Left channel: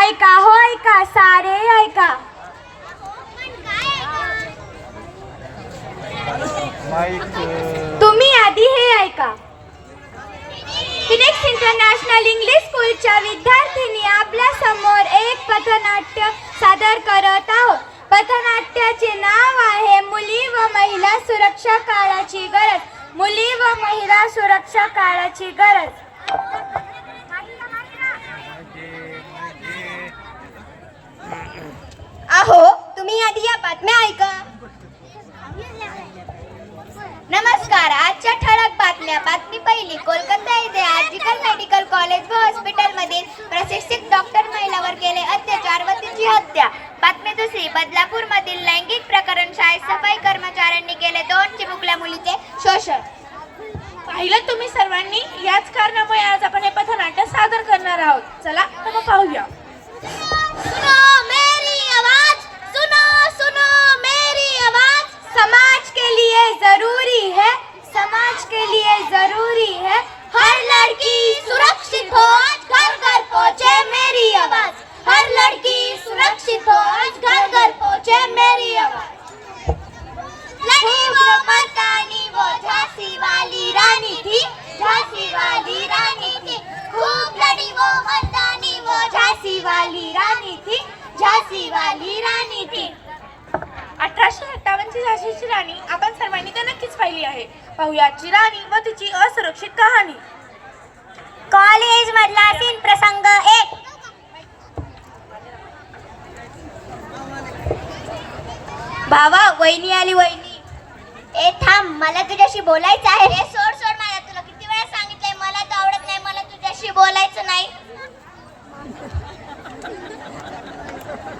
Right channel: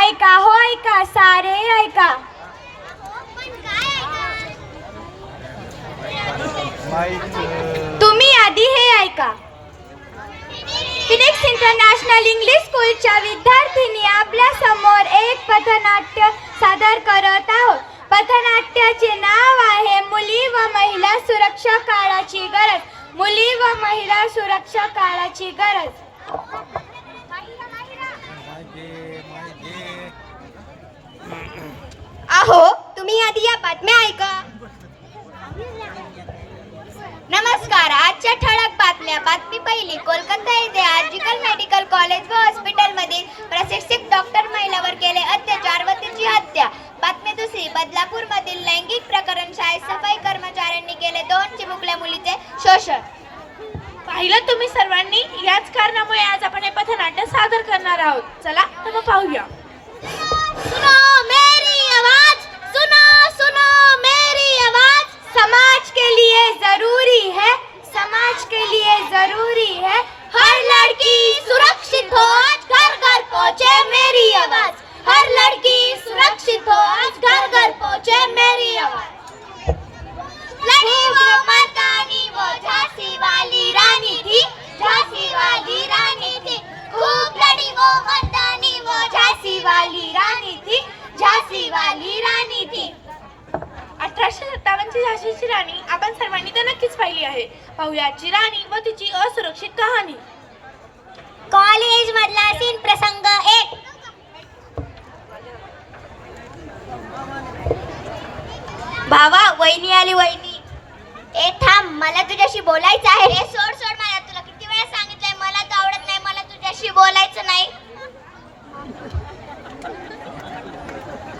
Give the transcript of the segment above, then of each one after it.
ऐका हो ऐका सारे ऐका. तुम्ही आधी हे ऐका. फिनिक्स इंटरनॅशनल इंग्लिश स्कूलच्या विद्यार्थिनी आपल्यासमोर एक पथनाट्य सादर करत आहोत. पथनाट्याचे नाव आहे मुली व महिला सुरक्षा काळाची गरज. मुली व महिला सुरक्षा काळाची गरज. अहो तुम्ही आधी या बातम्या ऐका. नमस्कार आजच्या ठळक बातम्या बातमी पहिली कोलकाता येथे आर्जिकल मेडिकल कॉलेज व हॉस्पिटलमधील प्रशिक्षित डॉक्टर महिलावर केले अत्याचार व तिची हत्या. बातमी दुसरी बदलापूर मधील लैंगिक प्रकरण शाळेत सफाई कर्मचाऱ्यांनी केले दोन चिमुकल्या मुलीचे शोषण. पाहिलं तुम्ही सर्वांनी? याच कारणामुळे आज आपण हे पथनाट्य सादर करणार आहोत. चला तर मग पाहूया. राणी व तिची असुरक्षित कहाणी. कॉलेज मधला सीन प्रसंग एक. भावा वहिनी आली वहिनी. ए थांब मला तुझ्याशी बोलायचं आहे. ए सोड सोड मला तुला किती वेळा सांगितलंय मला तर आवडत नाही मला तुझ्याशी बोलायचं नाही.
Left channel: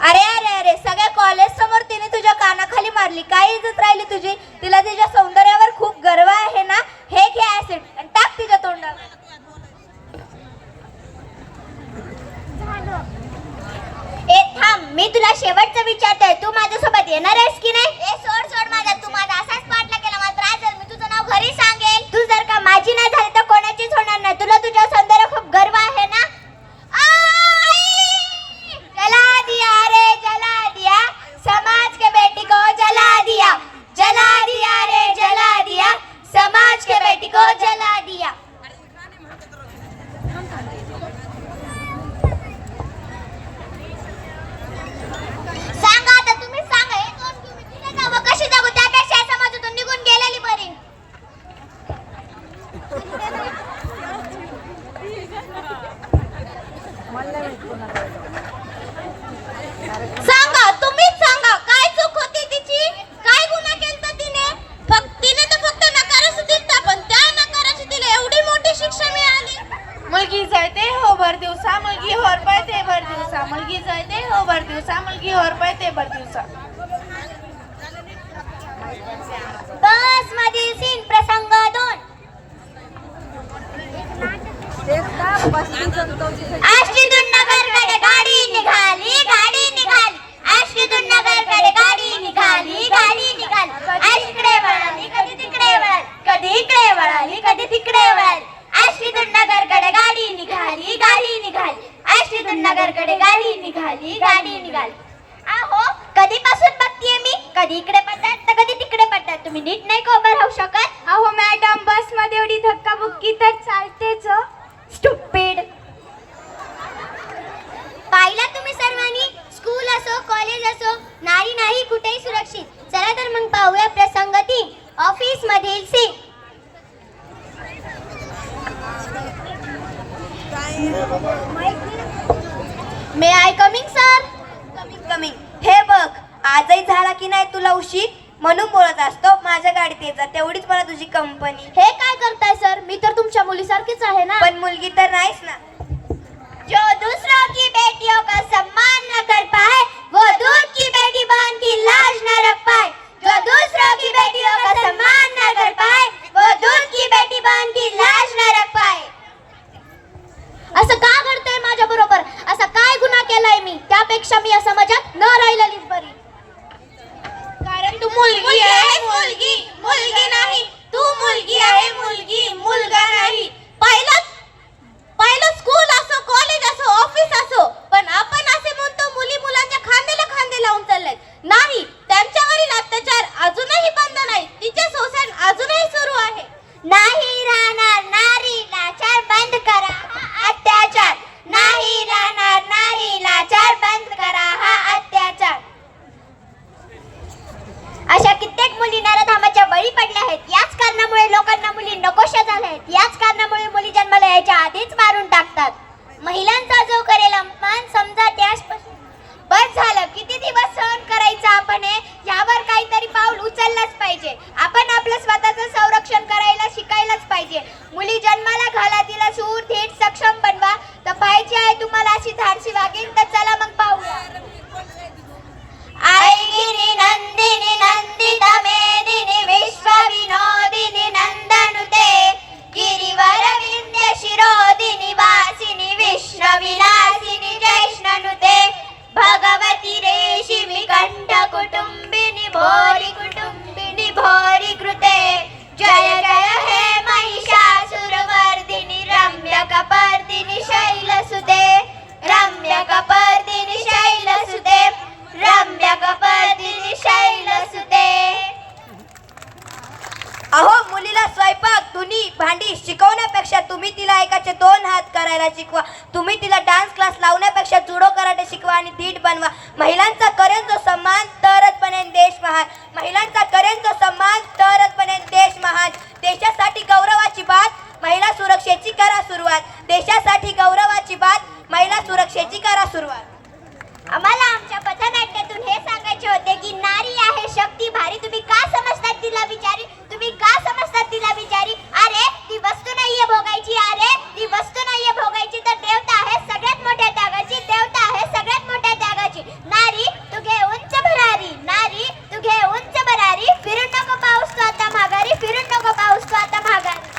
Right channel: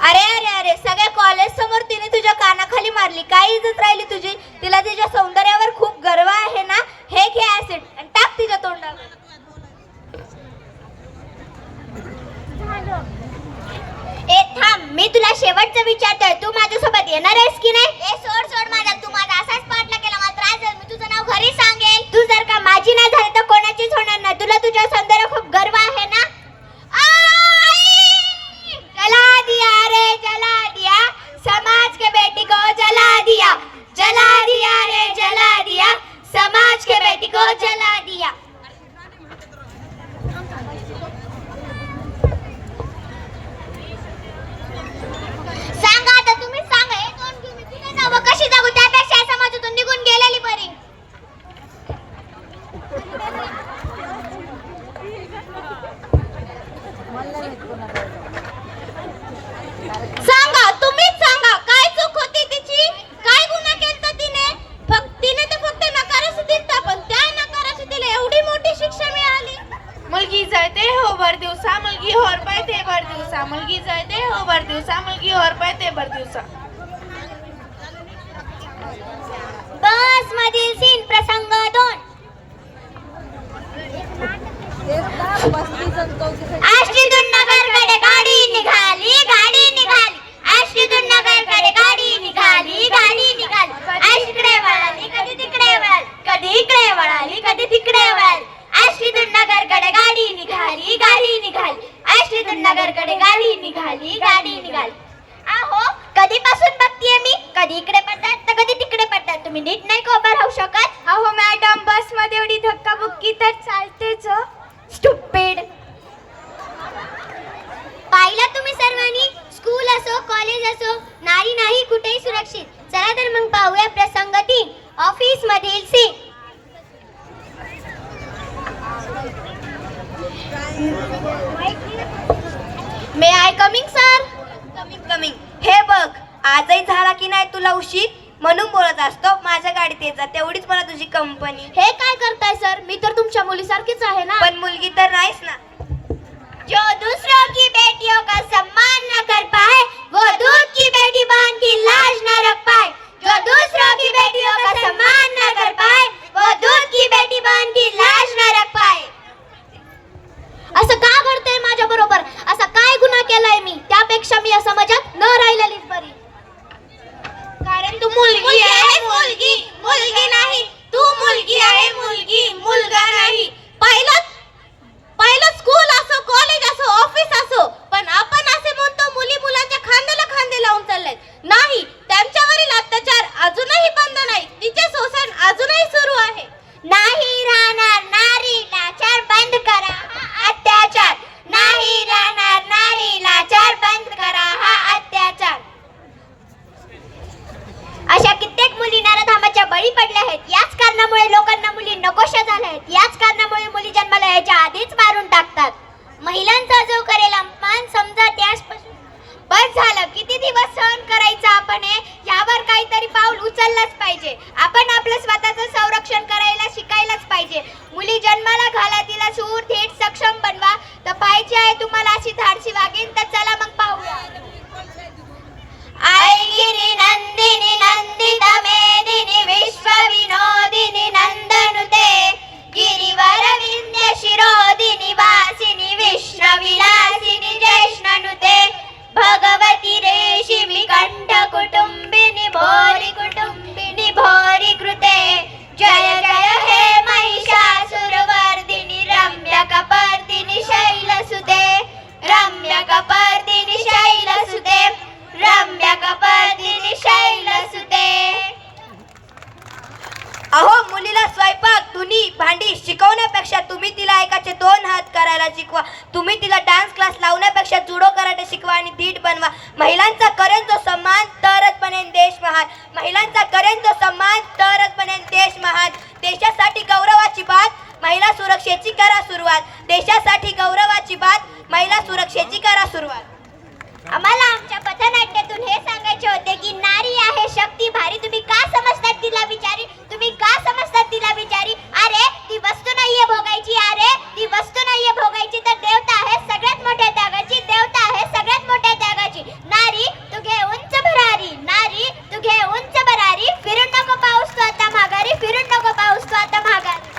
अरे अरे अरे सगळ्या कॉलेज समोर तिने तुझ्या कानाखाली मारली. काय इज्जत राहिली तुझी? तिला तिच्या सौंदर्यावर खूप गर्व आहे ना? हे घे ऍसिड आणि टाक तिच्या तोंडावर. ए थांब मी तुला शेवटचं विचारतोय. तू माझ्यासोबत येणार आहेस की नाही? ए सोड सोड माझा तू माझा असाच पाठला केला मात्र आज मी तुझं नाव घरी सांगेल. तू जर का माझी नाही झाली तर कोणाचीच होणार नाही. तुला तुझ्या सौंदर्य खूप गर्व आहे ना आई! जला दिया रे जला दिया समाज के बेटी को जला दिया जला दिया रे जला दिया समाज के बेटी को जला दिया सांगा आता तुम्ही सांगा हे दोन घेऊन मी तिथे जाऊ का कशी जाऊ त्यापेक्षा या समाजातून निघून गेलेली बरी सांगा तुम्हीच सांगा काय चूक होती तिची काय गुन्हा केलता तिने फक्त तिने तर फक्त नकारच दिलता पण त्या नकाराची तिला एवढी मोठी शिक्षा मिळाली मुलगी जायते हो भर दिवसा मुलगी होर पायते भर दिवसा मुलगी जायते हो भर दिवसा मुलगी होर पायते भर दिवसा. बस मधील सीन प्रसंग दोन. आष्टीतून नगरकडे गाडी निघाली गाडी निघाली. आष्टीतून नगरकडे गाडी निघाली गाडी निघाली. आष्ट इकडे वळाली कधी तिकडे वळाली कधी इकडे वळाली कधी तिकडे वळाली. आष्टीतून नगरकडे गाडी निघाली गाडी निघाली. आष्टीतून नगरकडे गाडी निघाली गाडी निघाली. कधीपासून बघतीये मी? कधी इकडे पडतात तर कधी तिकडे पडतात. तुम्ही नीट नाही का उभं राहू शकत. अहो मॅडम बसमध्ये एवढी धक्काबुक्की तर चालतेच हो. स्टुपिड पाहिलं तुम्ही सर्वांनी? स्कूल असो कॉलेज असो नारी नाही कुठेही सुरक्षित. चला तर मग पाहूया प्रसंग तीन ऑफिस मधील C may I coming sir coming coming हे बघ आजही झाला की नाही तुला उशीर म्हणून बोलत असतो माझ्या गाडीत येत जा तेवढीच मला कंपनी हे काय करताय सर? मी तर तुमच्या मुलीसारखीच आहे ना. पण मुलगी तर नाहीच ना. जो दूसरों की बेटियों का सम्मान न कर पाए वो दूध की बेटी बांध की लाज न रख पाए। जो दूसरों की बेटियों का सम्मान न कर पाए वो दूध की बेटी बांध की लाज न रख पाए। असं का घडतंय माझ्या बरोबर? असा काय गुन्हा केलाय मी? त्यापेक्षा मी या समाजात न राहिलेलीच बरी. कारण तू मुलगी आहे मुलगी. मुलगी नाही. तू मुलगी आहे मुलगी मुलगा नाही. पाहिलं शिकवा. तुम्ही तिला डान्स क्लास लावण्यापेक्षा जुडो कराटे शिकवा आणि धीट बनवा. महिलांचा करेन जो सन्मान तरच बनेन देश महान. महिलांचा करेन जो सन्मान तरच बनेन देश महान. देशासाठी गौरवाची बात महिला सुरक्षेची करा सुरुवात. देशासाठी गौरवाची बात महिला सुरक्षेची करा सुरुवात. आम्हाला आमच्या पथनाट्यातून हे सांगायचे होते की नारी आहे शक्ती भारी तुम्ही का समजतात तिला विचारी तुम्ही का समजतात तिला विचारी अरे ती वस्तू नाहीये भोगायची अरे ती वस्तू नाहीये भोगायची तर देवता आहे सगळ्यात मोठ्या त्यागाची देवता आहे सगळ्यात मोठ्या त्यागाची. नारी तू घे उंच भरारी नारी तू घे उंच भरारी फिरून नको पाऊस तू आता माघारी फिरून नको पाऊस तू आता माघारी.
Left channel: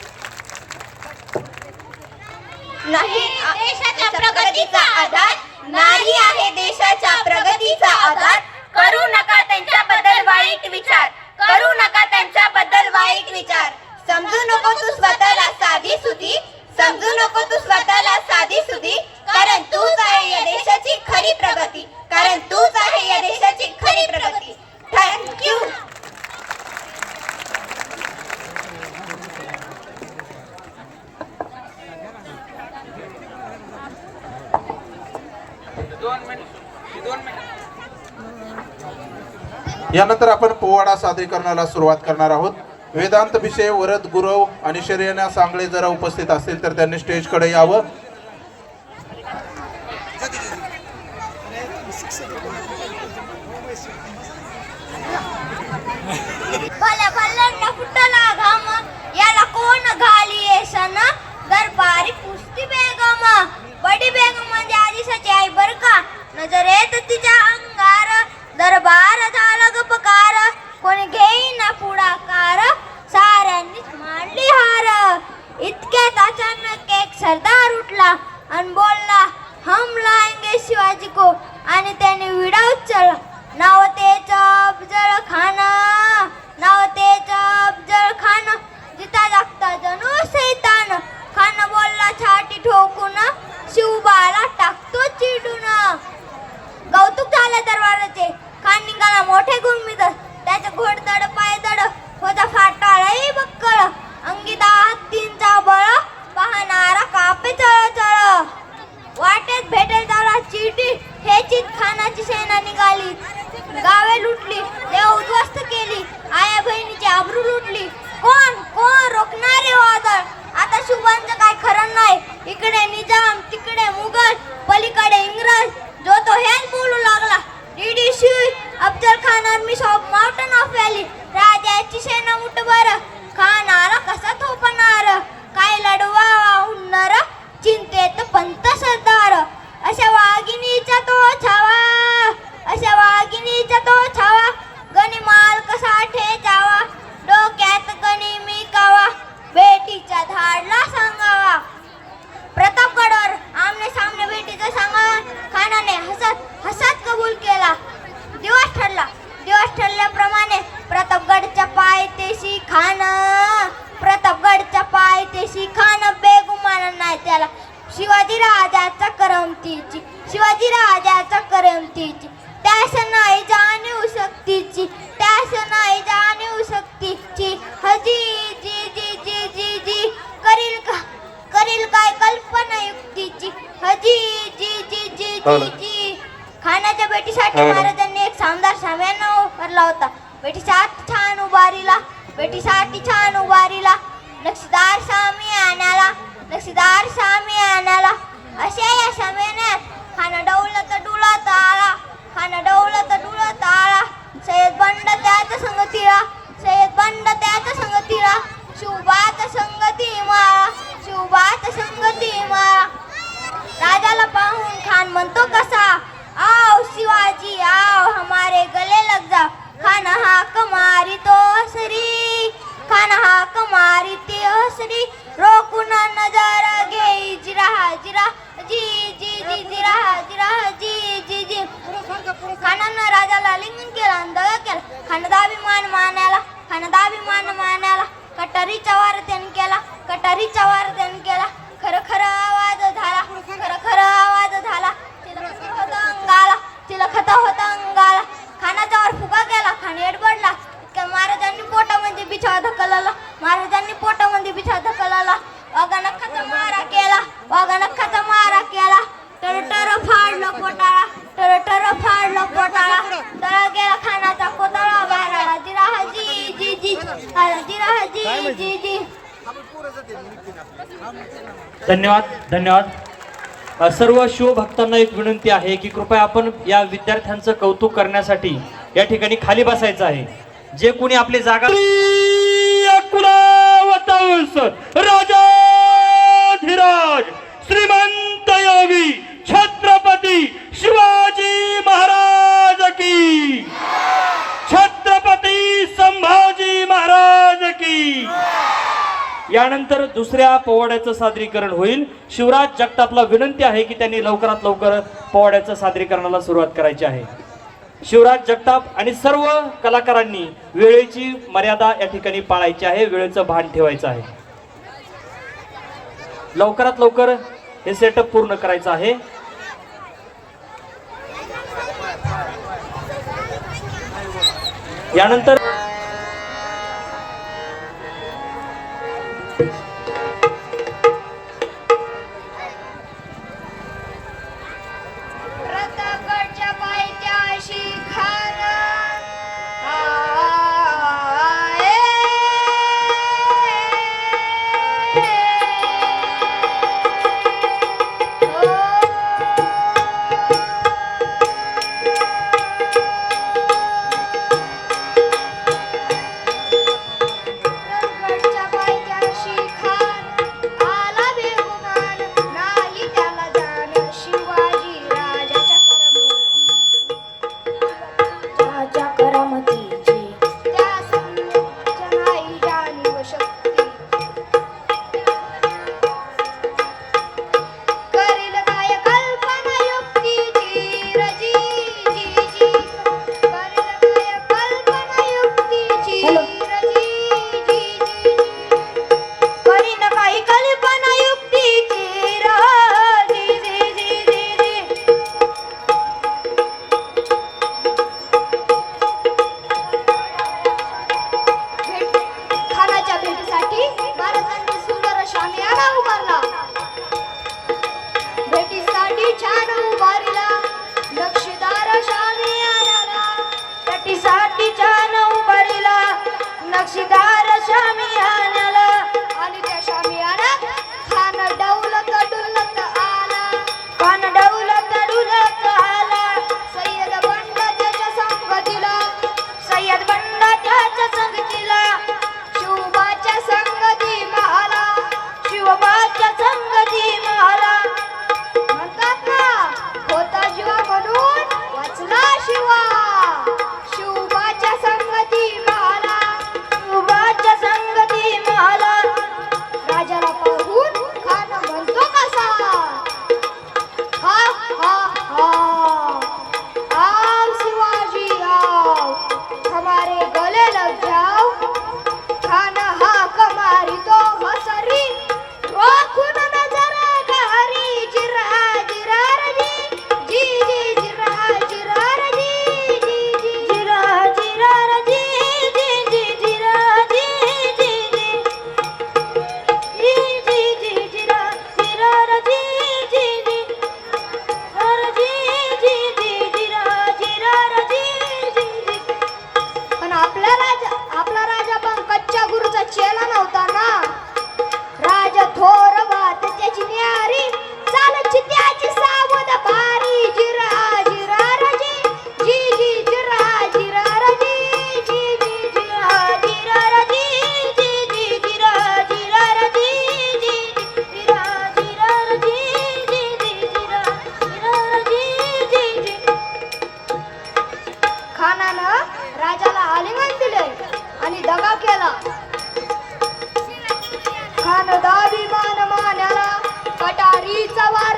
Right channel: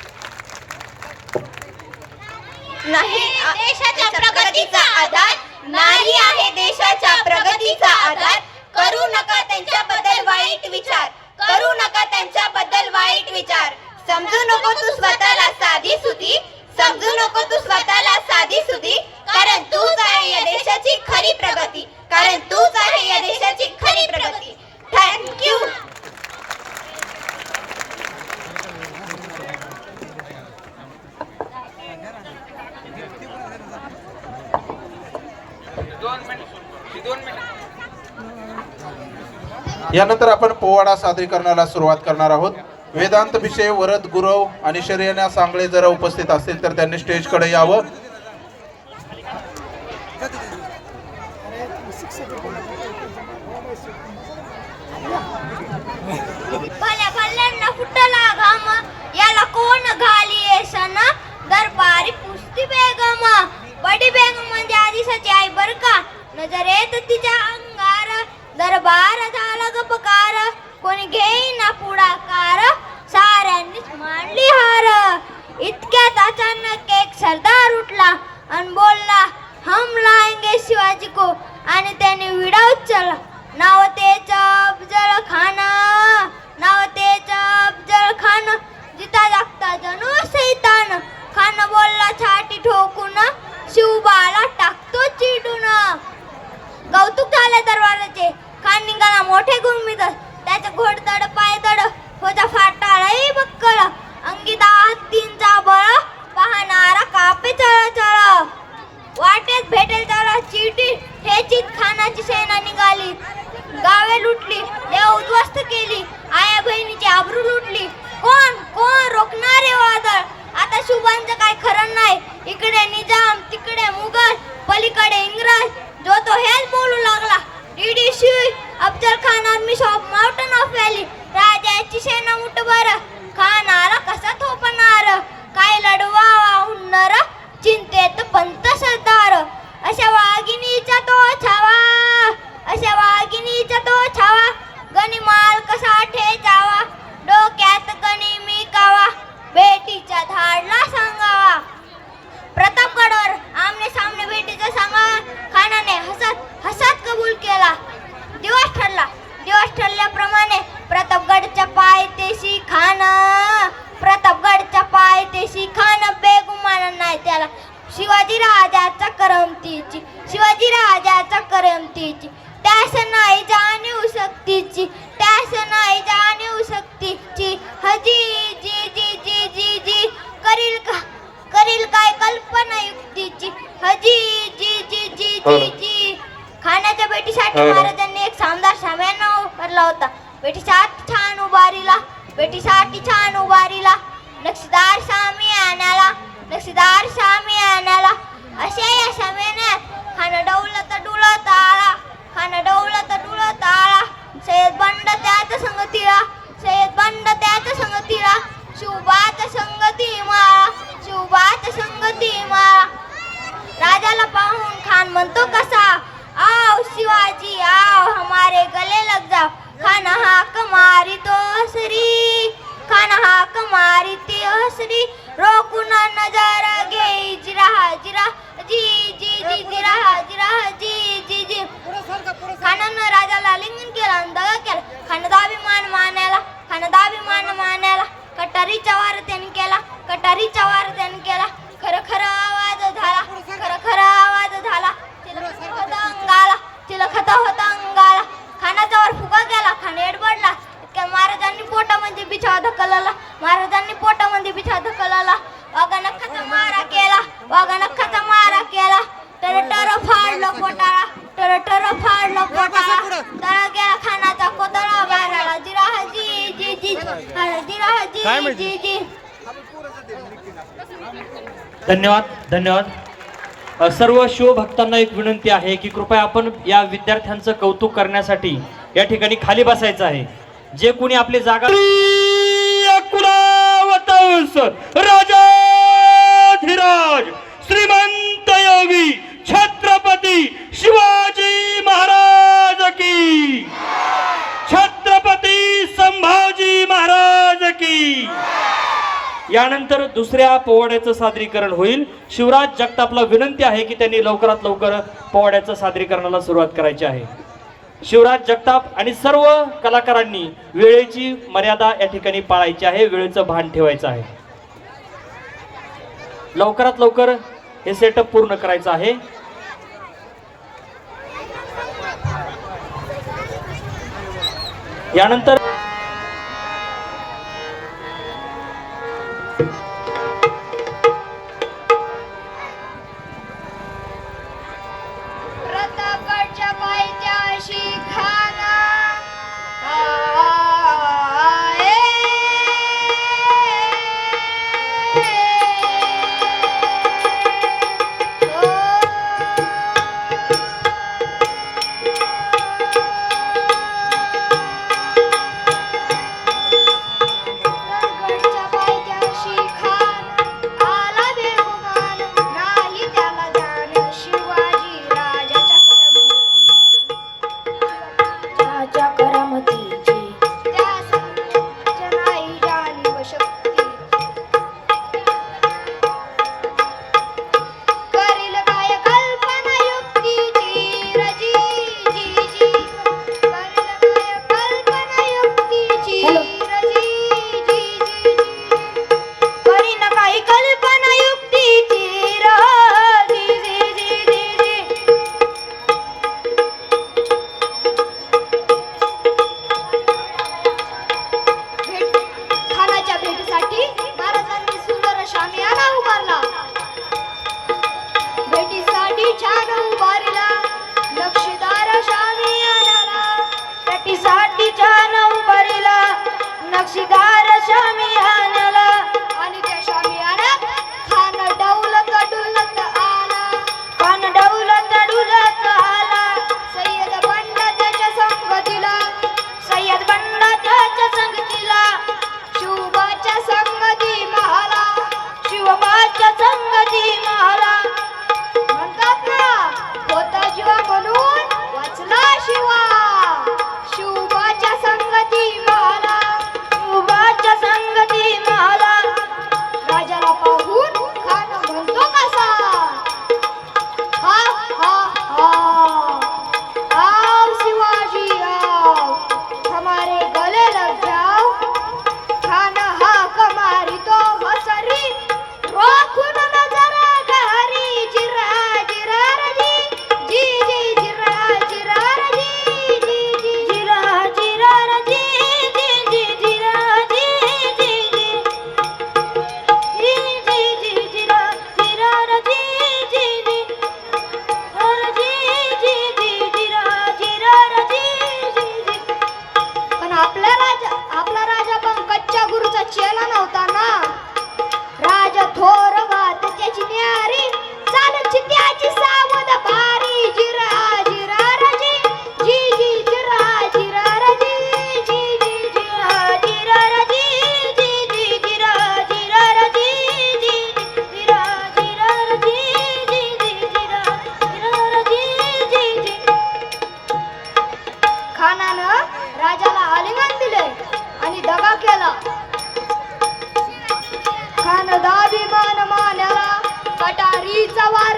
नाही देशाच्या प्रगतीचा आधार. नारी आहे देशाच्या प्रगतीचा आधार. करू नका त्यांच्याबद्दल वाईट विचार. करू नका त्यांच्याबद्दल वाईट विचार. समजू नको तू स्वतःला साधी सुधी समजू नको तू स्वतःला साधी सुधी कारण तूच आहे या देशाची खरी प्रगती कारण तूच आहे या देशाची खरी प्रगती. थँक्यू यानंतर आपण पोवाडा सादरीकरणाला सुरुवात करणार आहोत. वेदांत विषय वरद गुरव आणि शर्यना सांगळे जर उपस्थित असतील तर त्यांनी स्टेजकडे यावं. भल्या भल्यांना फुटला घाम. याला कोण घाली सण? दरबारी पुस्ती बेगम. बडी बेगम म्हणजे आदिशाची आई बर का? नजर येत तिच्या अंगार. दरबार झाला गपकार कोणी घेईना पुढाकार? साऱ्यांनीच हार इतक्यात अचानक एक सरदार उठला आणि बोलला हम लाएंगे शिवाजी को. आणि त्याने विडा उचलला. नाव त्याचं अफजल खान नाव त्याचं अफजल खान जिता लागता जणू सैतान. खान बोलला छाटी ठोकून शिवबाला टाकतो चिडून. कौतुक झाले दरबाराचे राजाची सेना मुठभर खान करमतीची शिवाजी राजाचा करमतीची त्यास नाही जाणीव शक्तीची. त्यास नाही जाणीव शक्तीची. हजी जी जी जी जी जी. करील का? करील काय कल्पना युक्तीची हजी जी जी जी जी जी. खाण्याच्या बेटीसाठी हो. महाराजांनी एक शानदार साम्याना उभारला होता. बेटीसाठी छान उभारीला. बेटीसाठी छान उभारीला. नक्षीदार सामी आणाला नक्षीदार सामी अशा या शमेन्यात खाणं डवलं तर डुलत आळा खाणं डवलं तर डुलत बंड त्यात संगतीला सय्यद बंड त्यात संगतीला शुभात संगती माळा शुभात संगती माळा राजाला पाहून खान म्हणतो कसा आओ शिवाजी आओ हमारे गले लग जा. खान हाक मारी तो हसरी खान हा कमारी ते हसरी. रोकुना नजारा जिरा हा जिरा जी जी जी जिरा हा जिरा जी जी जी. खानानं राजाला लिंगन केला आणि दगा केला. खानदाभिमान मानायला खानदाभिमान मानायला. कटारीचा वार त्याने केला कटारीचा वार त्याने केला. धन्यवाद धन्यवाद. सर्व शिवभक्तांना एक विनंती आहे की कृपया आपण या विद्यार्थ्यांचं कौतुक करण्यासाठी या ठिकाणी खाली बसायचं आहे. जे कोणी आपली जागा राजा धीराज श्रीमंत योगी छत्रपती शिवाजी महाराज. की? छत्रपती संभाजी महाराज की? यानंतर दुसऱ्या पोवाड्याचं सादरीकरण होईल. शिवराज जगतापला विनंती आहे की त्यांनी लवकरात लवकर पोवाड्याचं सादरीकरणाला सुरुवात करायची आहे. शिवराज जगताप आणि सर्व कलाकारांनी वेळेची मर्यादा या ठिकाणी पाळायची आहे वेळेचं भान ठेवायचं आहे. लवकरात लवकर हे सेटअप पूर्ण करायचं आहे. यानंतर Pizza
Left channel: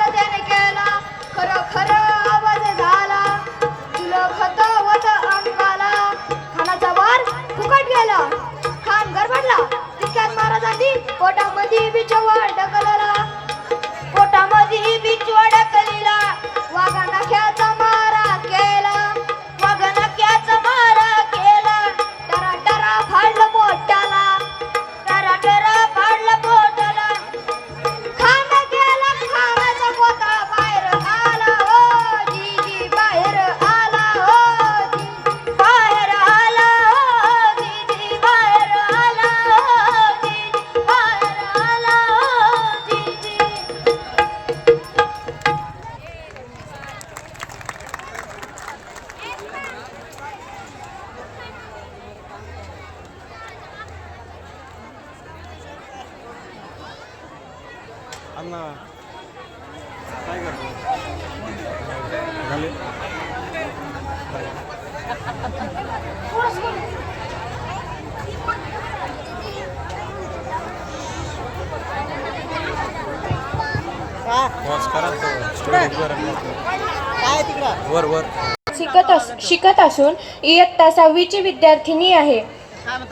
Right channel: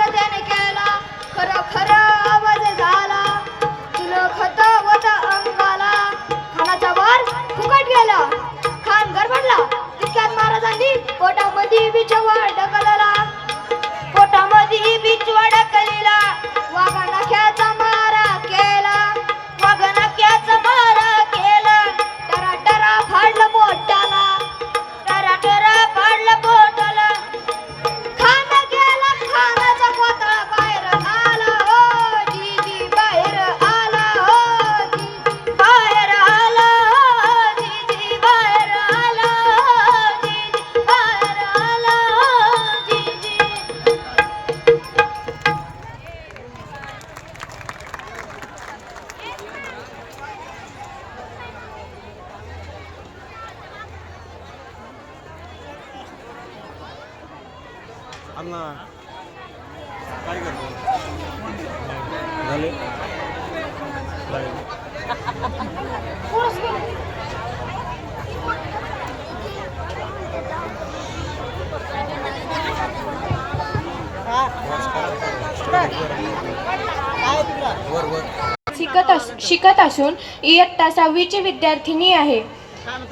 शिकत अस शिकत असून इयत्ता सहावीची विद्यार्थिनी आहे.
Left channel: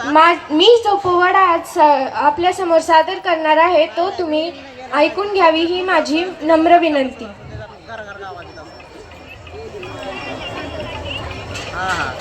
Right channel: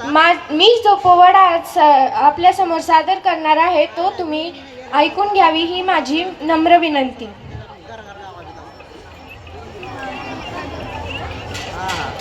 मा मी जो पोवाडा आज आपल्यासमोर सादर करणार आहे तो तुम्ही ऐकून घ्यावी ही माझी नम्र विनंती. हा हा